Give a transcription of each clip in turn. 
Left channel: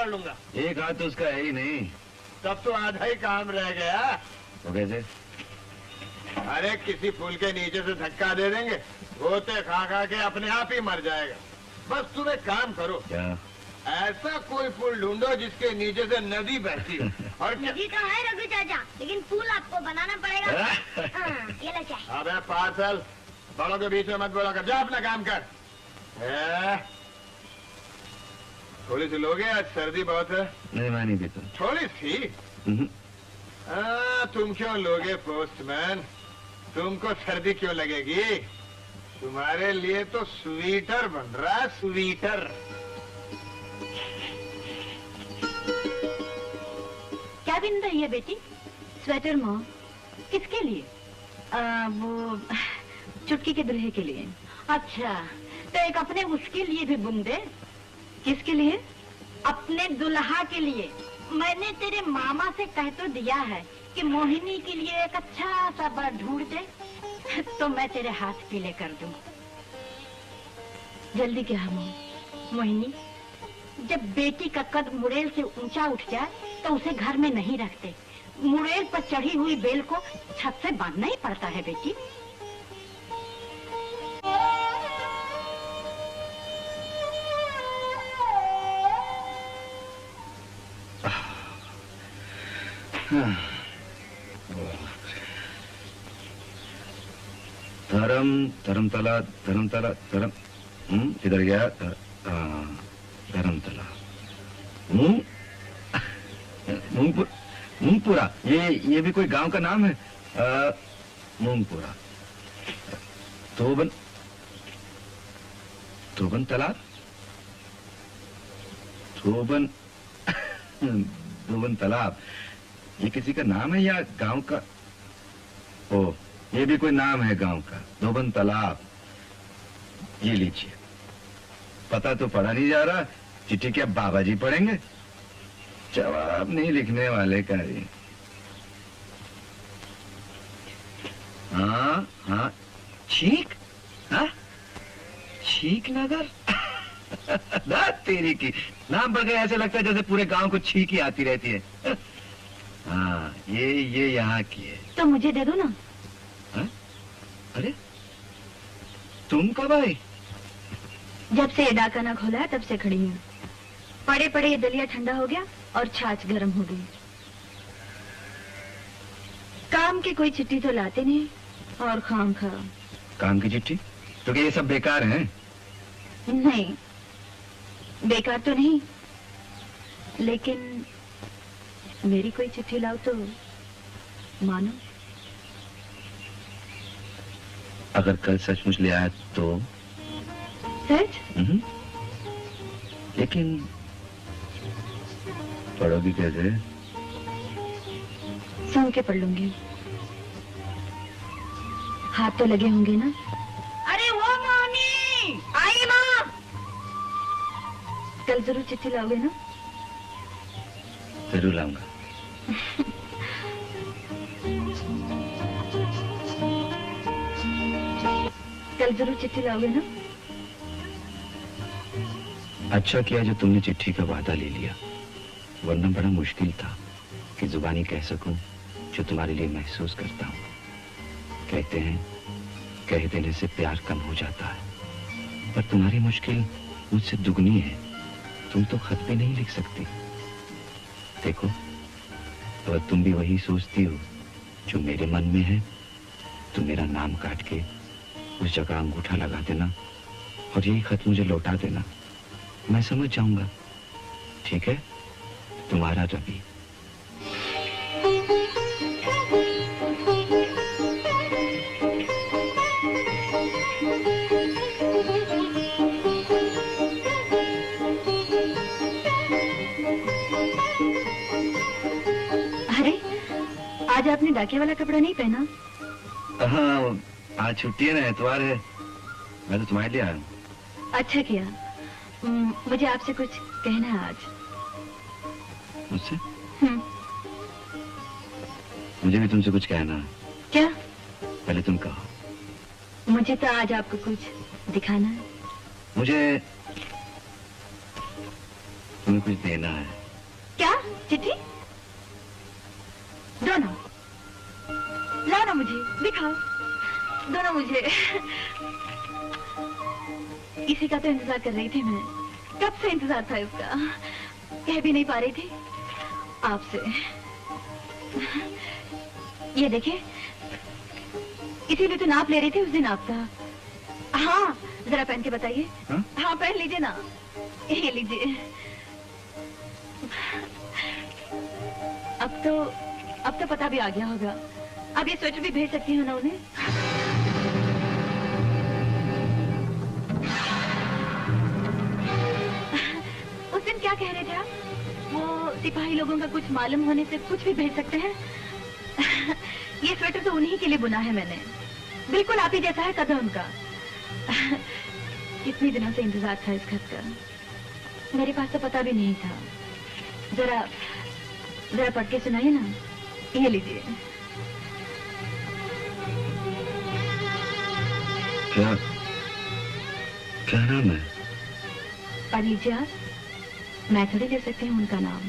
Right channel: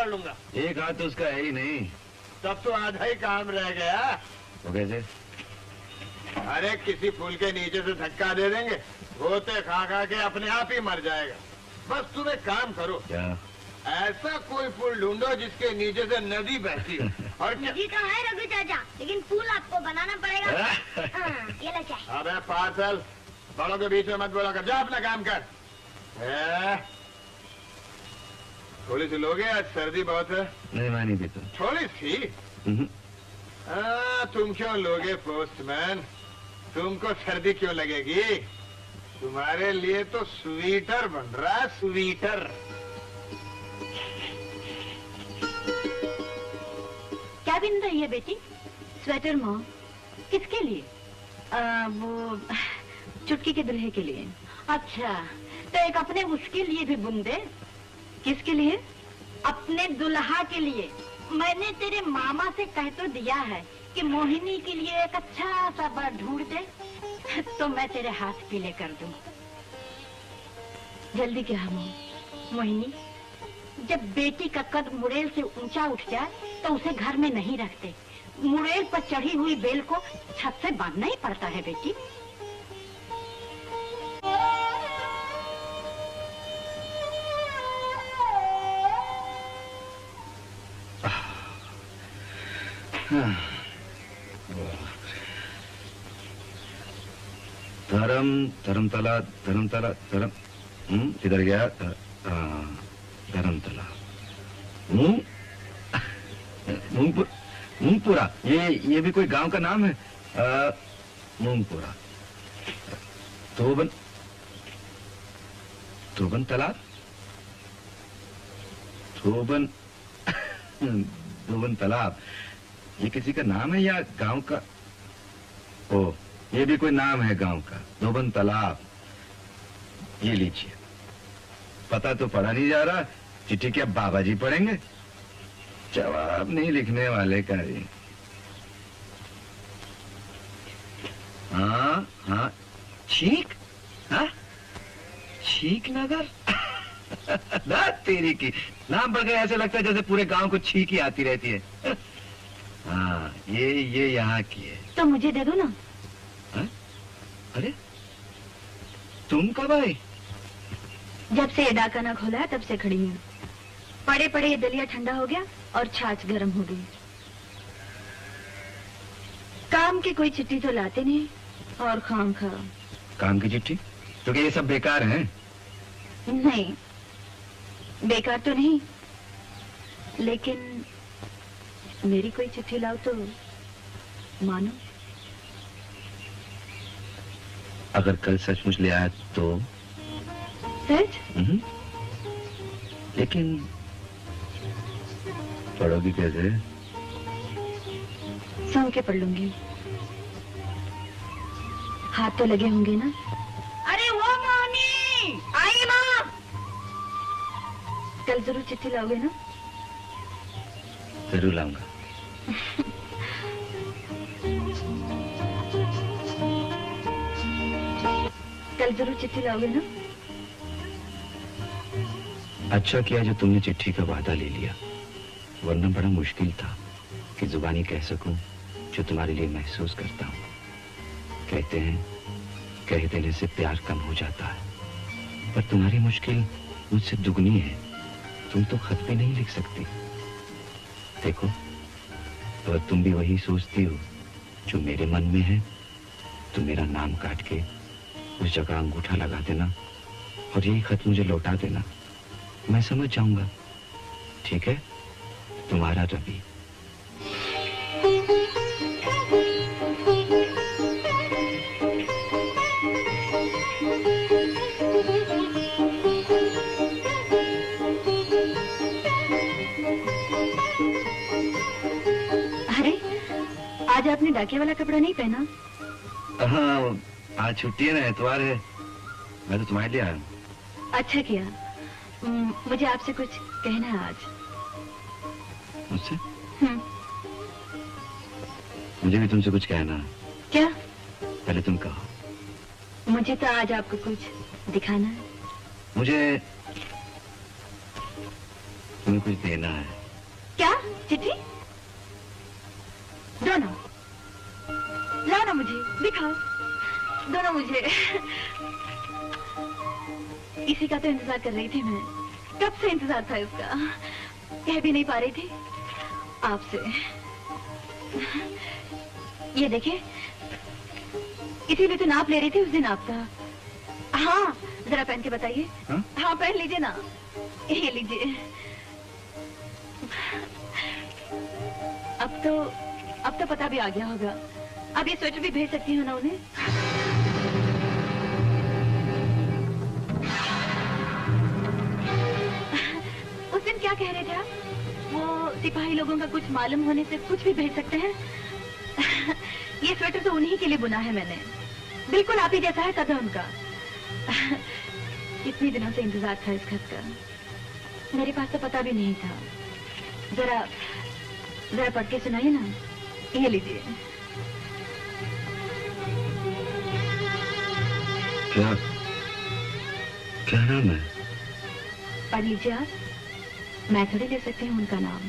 कर लूंगा। एक हाथ तो उसका है ही नहीं। तब तो आधा ही काम रह गया। तो कैसे? अरे किसी फूल के नीचे से धक्का दे देंगे, गोते खा खा के अपने आप ही मर जाएगा। बस तुम एक काम करो। क्या? ऐसा कोई फूल ढूंढो जिसके नीचे से नदी बहती हो। और नदी तो है रघु चाचा, लेकिन फूल आपको बनाना पड़ेगा। हाँ, ये लो चाय। अबे पार्सल, बड़ों के बीच में मत बोला कर, जा अपना काम कर। थोड़ी सी लोगे, आज सर्दी बहुत है। नहीं, मैं नहीं देता। थोड़ी सी? तुम क्यों लोगे पोस्टमैन? तुमको सर्दी क्यों लगेगी? तुम्हारे लिए तो स्वीटर बन रहा है, स्वीटर। क्या बिन रही है बेटी? स्वेटर मॉम, किसके लिए? वो चुटकी के दूल्हे के लिए। अच्छा, तो एक अपने उसके लिए भी बुन दे। किसके लिए? अपने दुल्हा के लिए। मैंने तेरे मामा से कह तो दिया है कि मोहिनी के लिए एक अच्छा सा बर ढूंढ दे, तो मैं तेरे हाथ पीले कर दूं। जल्दी क्या है मोहिनी? जब बेटी का कद मुड़ेल से ऊंचा उठ जाए तो उसे घर में नहीं रखते। मुड़ेल पर चढ़ी हुई बेल को छत से बांधना ही पड़ता है बेटी। धर्मतला इधर गया। धर्मतला, मूंगपुरा। ये भी कोई गांव का नाम है? मूंगपुरा। धोबन तालाब। धोबन तालाब, ये किसी का नाम है या गांव का? ओ, ये भी कोई नाम है गांव का, धोबन तालाब। ये लीजिए, पता तो पढ़ा नहीं जा रहा, चिट्ठी क्या बाबा जी पढ़ेंगे? जवाब नहीं लिखने वाले का ये। हाँ, छीक। हाँ, छीक नगर। तेरी की नाम पर ऐसा लगता है जैसे पूरे गांव को छीक ही आती रहती है। हाँ, ये यहाँ की है। तो मुझे दे दो ना। हा? अरे, तुम कब आई? जब से ये डाकाना खोला है तब से खड़ी हूँ। पड़े पड़े ये दलिया ठंडा हो गया और छाछ गर्म हो गई। काम की कोई चिट्ठी तो लाते नहीं और खाम खा। काम की चिट्ठी? तो क्या ये सब बेकार हैं? नहीं, बेकार तो नहीं, लेकिन मेरी कोई चिट्ठी लाओ तो मानो। अगर कल सचमुच ले आया तो? सच? लेकिन पढ़ोगी कैसे? सुन के पढ़ लूंगी। हाथ तो लगे होंगे ना? अरे वो मम्मी आई माँ, कल जरूर चिट्ठी लाओगे ना? जरूर लाऊंगा। कल जरूर चिट्ठी लाओगे ना? अच्छा किया जो तुमने चिट्ठी का वादा ले लिया, वरना बड़ा मुश्किल था कि जुबानी कह सकूं जो तुम्हारे लिए महसूस करता हूं। कहते हैं कह देने से प्यार कम हो जाता है, पर तुम्हारी मुश्किल मुझसे दुगनी है। तुम तो खत भी नहीं लिख सकती। देखो, अगर तुम भी वही सोचती हो जो मेरे मन में है तो मेरा नाम काट के उस जगह अंगूठा लगा देना और यही खत मुझे लौटा देना। मैं समझ जाऊंगा। ठीक है? तुम्हारा रवि। अरे, आज आपने डाके वाला कपड़ा नहीं पहना? हाँ, आज छुट्टी है ना, इतवार है। मैं तो तुम्हारे लिए आया हूँ। अच्छा किया। मुझे आपसे कुछ कहना है आज। मुझसे? मुझे भी तुमसे कुछ कहना है। क्या? पहले तुम कहो। मुझे तो आज आपको कुछ दिखाना है। मुझे तुम्हें कुछ देना है। क्या? चिट्ठी? दो ना, लाओ ना, मुझे दिखाओ, दो ना मुझे। इसी का तो इंतजार कर रही थी मैं, कब से इंतजार था इसका, कह भी नहीं पा रही थी आपसे। ये देखिए, इसीलिए तो नाप ले रही थी उस दिन आपका। हाँ, जरा पहन के बताइए। हाँ, पहन लीजिए ना, ये लीजिए। अब तो पता भी आ गया होगा। अब ये स्वेटर भी भेज सकती हूँ ना उन्हें? उस दिन क्या कह रहे थे आप? वो सिपाही लोगों का कुछ मालूम होने से कुछ भी भेज सकते हैं। ये स्वेटर तो उन्हीं के लिए बुना है मैंने, बिल्कुल आप ही जैसा है कद उनका। कितने दिनों से इंतजार था इस खत का, मेरे पास तो पता भी नहीं था। जरा पढ़ के सुनाइए ना, ये लीजिए। क्या क्या नाम है? पढ़ लीजिए आप, मैं थोड़ी दे सकती हूँ उनका नाम।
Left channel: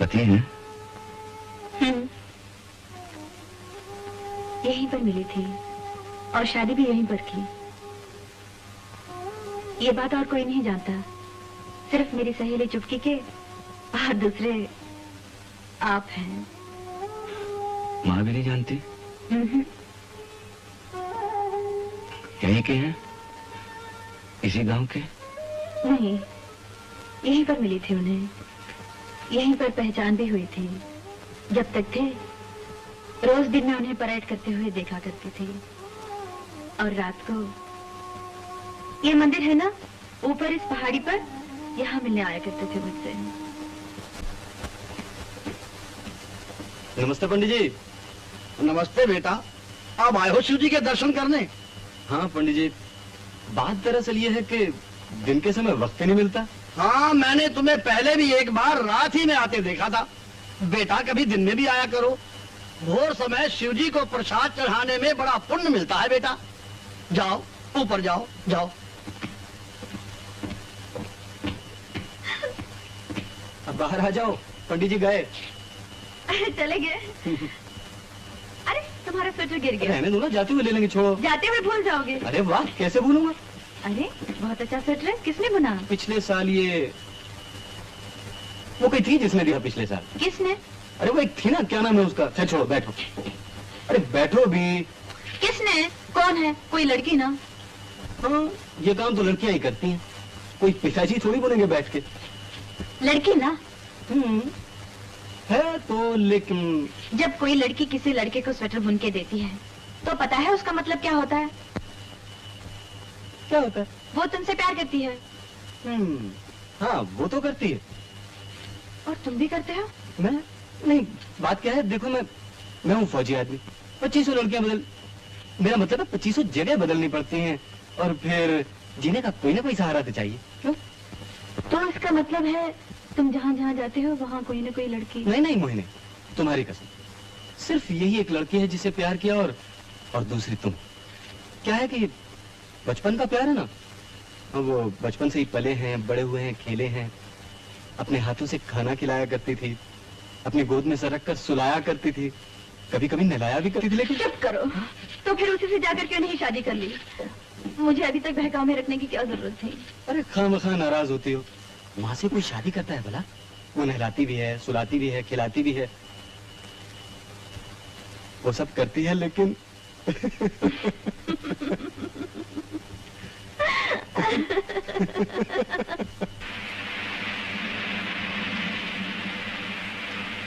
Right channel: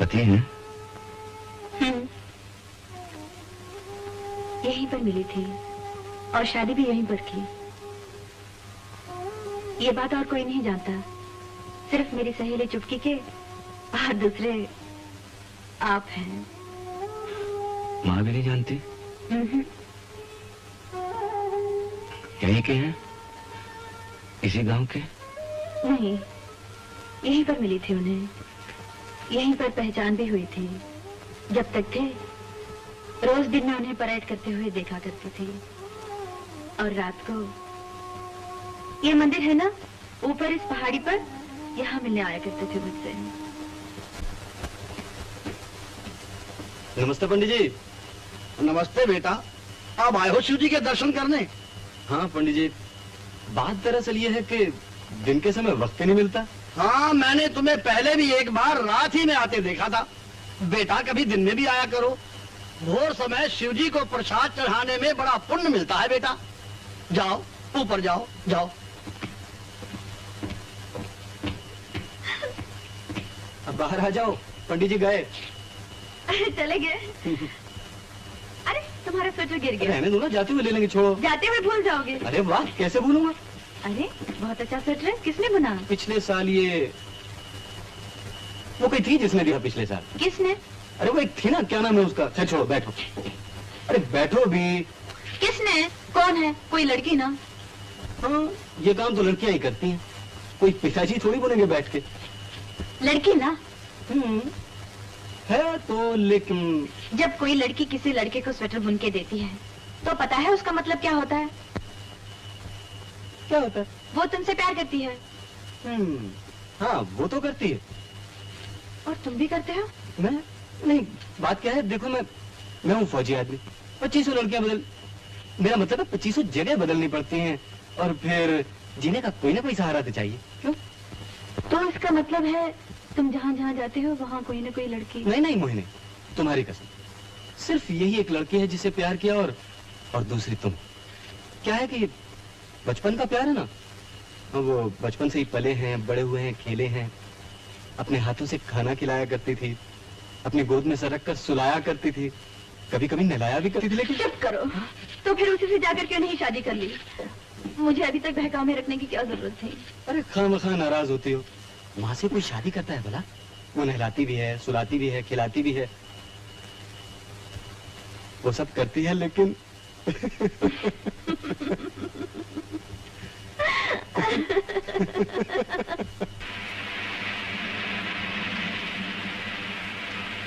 पति हैं? यहीं पर मिली थी और शादी भी यहीं पर की। ये बात और कोई नहीं जानता, सिर्फ मेरी सहेली चुटकी के और दूसरे आप हैं। माँ भी नहीं जानती? यहीं के हैं? इसी गांव के? नहीं, यहीं पर मिली थी उन्हें, यहीं पर पहचान भी हुई थी। जब तक थे रोज दिन में उन्हें परेड करते हुए देखा करती थी, और रात को ये मंदिर है ना ऊपर इस पहाड़ी पर, यहाँ मिलने आया करते थे मुझसे। नमस्ते पंडित जी। नमस्ते बेटा, आप आए हो शिव जी के दर्शन करने? हाँ पंडित जी, बात दरअसल ये है कि दिन के समय वक्त ही नहीं मिलता। हाँ, मैंने तुम्हें पहले भी एक बार रात ही में आते देखा था। बेटा कभी दिन में भी आया करो, भोर समय शिव जी को प्रसाद चढ़ाने में बड़ा पुण्य मिलता है बेटा। जाओ ऊपर जाओ, जाओ। अब बाहर आ जाओ, पंडित जी गए। चले गए? अरे तुम्हारा स्वेटर गिर गया। रहने दो ना, जाते हुए ले लेंगे, छोड़ो। जाते हुए भूल जाओगे। अरे वाह, कैसे भूलूंगा? अरे बहुत अच्छा स्वेटर है, किसने बुना? पिछले साल ये वो कोई थी जिसने दिया पिछले साल। किसने? अरे वो एक थी ना, क्या नाम है उसका? अच्छा छोड़ो, बैठो। अरे बैठो भी। किसने? कौन है? कोई लड़की ना? हाँ, ये काम तो लड़कियां ही करती हैं, कोई पिताजी थोड़ी बोलेंगे बैठ के। लड़की ना? है तो, लेकिन जब कोई लड़की किसी लड़के को स्वेटर बुन के देती है तो पता है उसका मतलब क्या होता है? क्या होता है? वो तुमसे प्यार करती है। हाँ वो तो करती है। और तुम भी करते हो? मैं नहीं, बात क्या है, देखो मैं हूँ फौजी आदमी, 2500 लड़कियां मेरा मतलब है 2500 जगह बदलनी पड़ती हैं, और फिर जीने का कोई ना कोई सहारा तो चाहिए। क्यों? तो इसका मतलब है तुम जहाँ जहाँ जाते हो वहाँ कोई ना कोई लड़की? नहीं मोहिनी, तुम्हारी कसम, सिर्फ यही एक लड़की है जिसे प्यार किया, और दूसरी तुम। क्या है कि बचपन का प्यार है ना, हम वो बचपन से ही पले हैं, बड़े हुए हैं, खेले हैं, अपने हाथों से खाना खिलाया करती थी, अपनी गोद में सर रख कर सुलाया करती थी, कभी कभी नहलाया भी करती थी। लेकिन चुप करो, तो फिर उसी से जाकर क्यों नहीं शादी कर ली? मुझे अभी तक बहकावे में रखने की क्या जरूरत थी? अरे खामखा नाराज होती हो, वहां से कोई शादी करता है भला? वो नहलाती भी है, सुलाती भी है, खिलाती भी है, वो सब करती है, लेकिन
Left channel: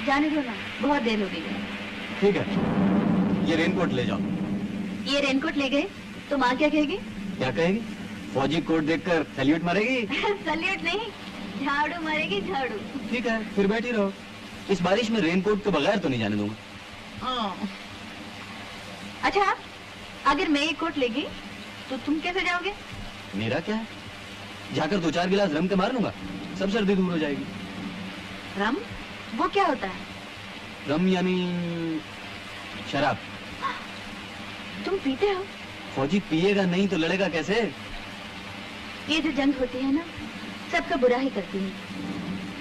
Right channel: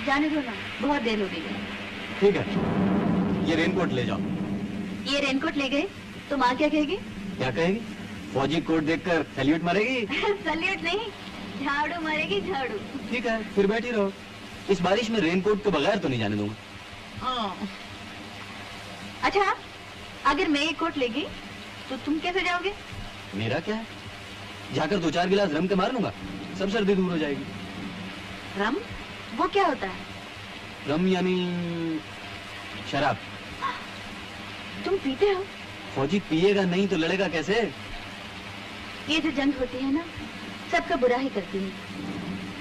जाने दो ना, बहुत देर हो गई है। ठीक है, ये रेनकोट ले जाओ। ये रेनकोट ले गए तो माँ क्या कहेगी? क्या कहेगी? फौजी कोट देखकर सैल्यूट मारेगी। सैल्यूट नहीं, झाड़ू मारेगी, झाड़ू। ठीक है, फिर बैठी रहो, इस बारिश में रेनकोट के बगैर तो नहीं जाने दूंगा। अच्छा, अगर मैं एक कोट ले गई तो तुम कैसे जाओगे? मेरा क्या है, जाकर 2-4 गिलास रम के मार लूंगा, सब सर्दी दूर हो जाएगी। रम? वो क्या होता है? रम यानी शराब। तुम पीते हो? फौजी पिएगा नहीं तो लड़ेगा कैसे? ये जो जंग होती है ना, सबका बुरा ही करती है।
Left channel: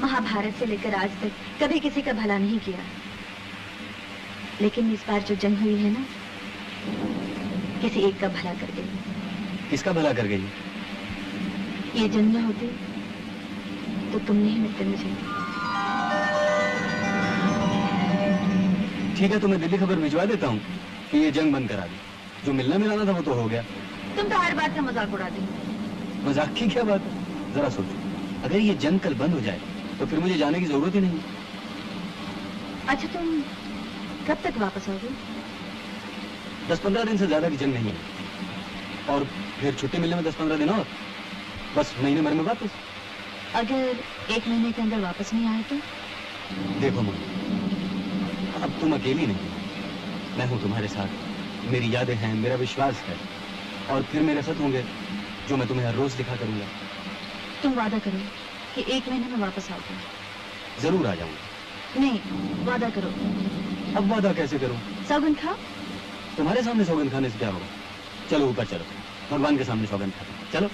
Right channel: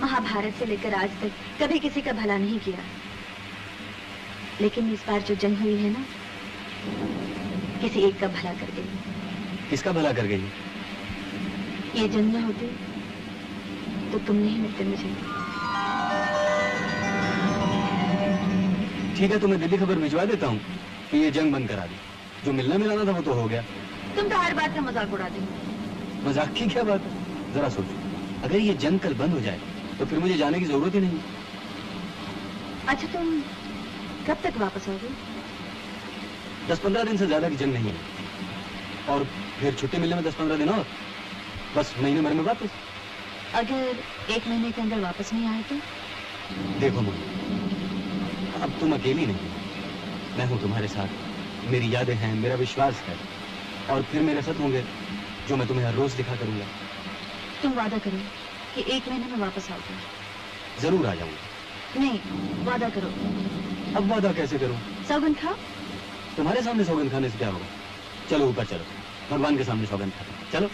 महाभारत से लेकर आज तक कभी किसी का भला नहीं किया, लेकिन इस बार जो जंग हुई है ना, किसी एक का भला कर गई। किसका भला कर गई? ये जंग ना होती तो तुम नहीं मिलते मुझे। ठीक है, तो मैं दिल्ली खबर भिजवा देता हूँ कि ये जंग बंद करा दी। जो मिलना मिलाना था वो तो हो गया। तुम तो हर बात का मजाक उड़ाते हो। मजाक की क्या बात है? जरा सोचो, अगर ये जंग कल बंद हो जाए तो फिर मुझे जाने की जरूरत ही नहीं। अच्छा, तुम कब तक वापस आओगे? 10-15 दिन से ज्यादा की जंग नहीं है, और फिर छुट्टी मिलने में 10-15 दिन और, बस महीने भर में वापस। अगर 1 महीने के अंदर वापस नहीं आए तो? देखो मम्मी, अब तुम अकेली नहीं हो, मैं हूँ तुम्हारे साथ। मेरी यादें हैं, मेरा विश्वास है, और फिर मेरे साथ होंगे जो मैं तुम्हें हर रोज दिखा करूंगा। तुम वादा करो कि 1 महीने में वापस आओगे। जरूर आ जाऊंगा। नहीं, वादा करो। अब वादा कैसे करूं? सौगंध खाओ। तुम्हारे सामने सौगंध खाने से क्या होगा? चलो ऊपर चलो, भगवान के सामने सौगंध खाते हैं। चलो।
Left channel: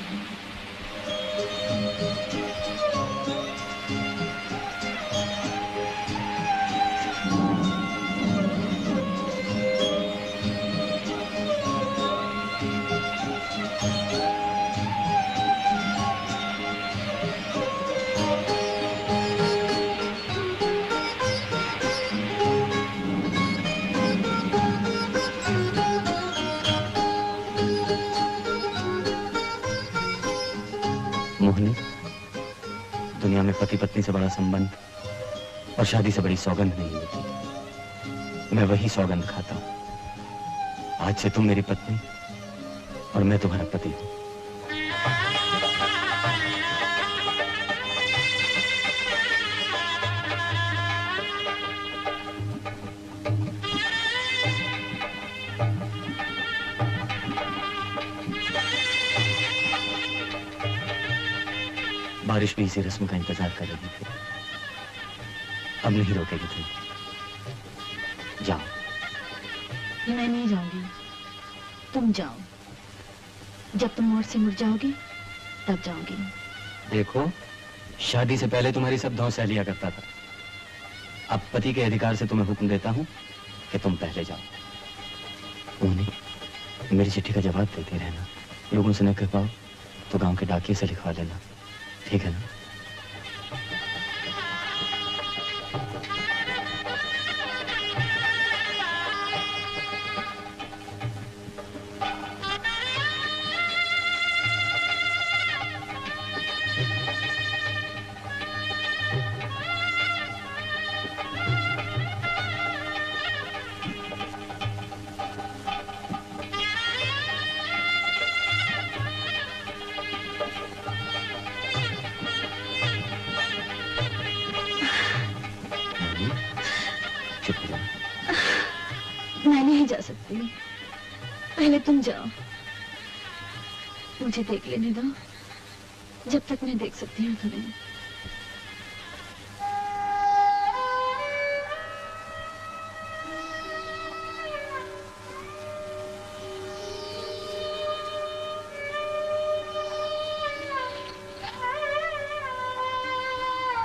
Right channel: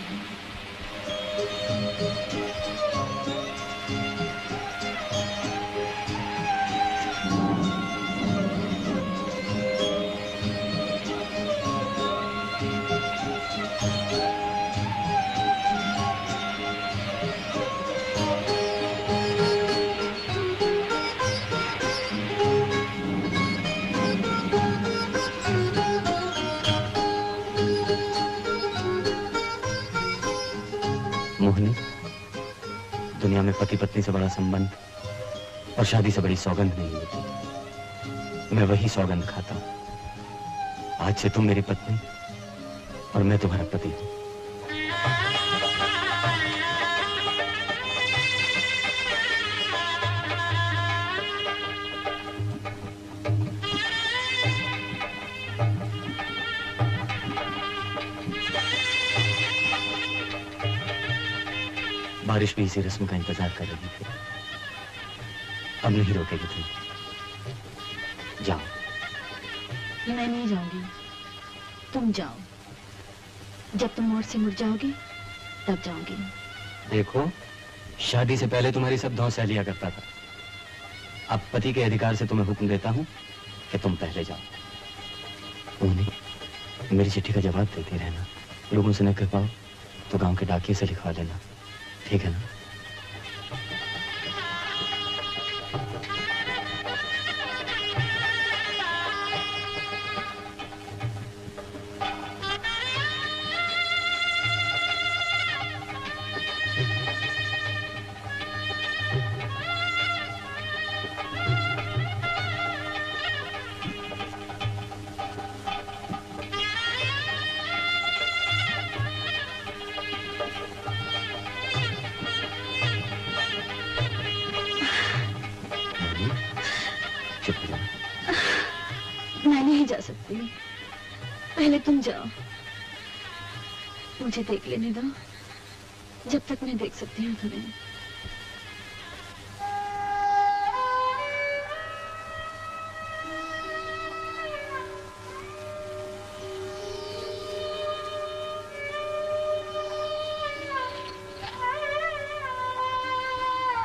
मोहिनी, दुनिया में पति पत्नी से बड़ा संबंध और शादी से बड़ी सौगंध नहीं होती। मैं वही सौगंध खाता हूं। आज से तुम मेरी पत्नी और मैं तुम्हारा पति हूं। बारिश भी इसी रस्म का इंतजार कर रही थी। अब नहीं रोकेगी तुम। जाओ। मैं नहीं जाऊंगी, तुम जाओ। जब तुम मोड़ से मुड़ जाओगी तब जाऊंगी। देखो, शादी से पहले तुम्हारी सब धौंस सह लिया करता था। अब पति के अधिकार से तुम्हें हुक्म देता हूँ कि तुम पहले जाओ। मोहिनी, मेरी चिट्ठी का जवाब देते रहना। लोगों से न कर पाओ तो गांव के डाकिये से लिखवा लेना, ठीक है ना? मैं नहीं जा सकती, पहले तुम जाओ। मुझे देख लेने दो, जब तक मैं देख सकती हूँ तुम्हें।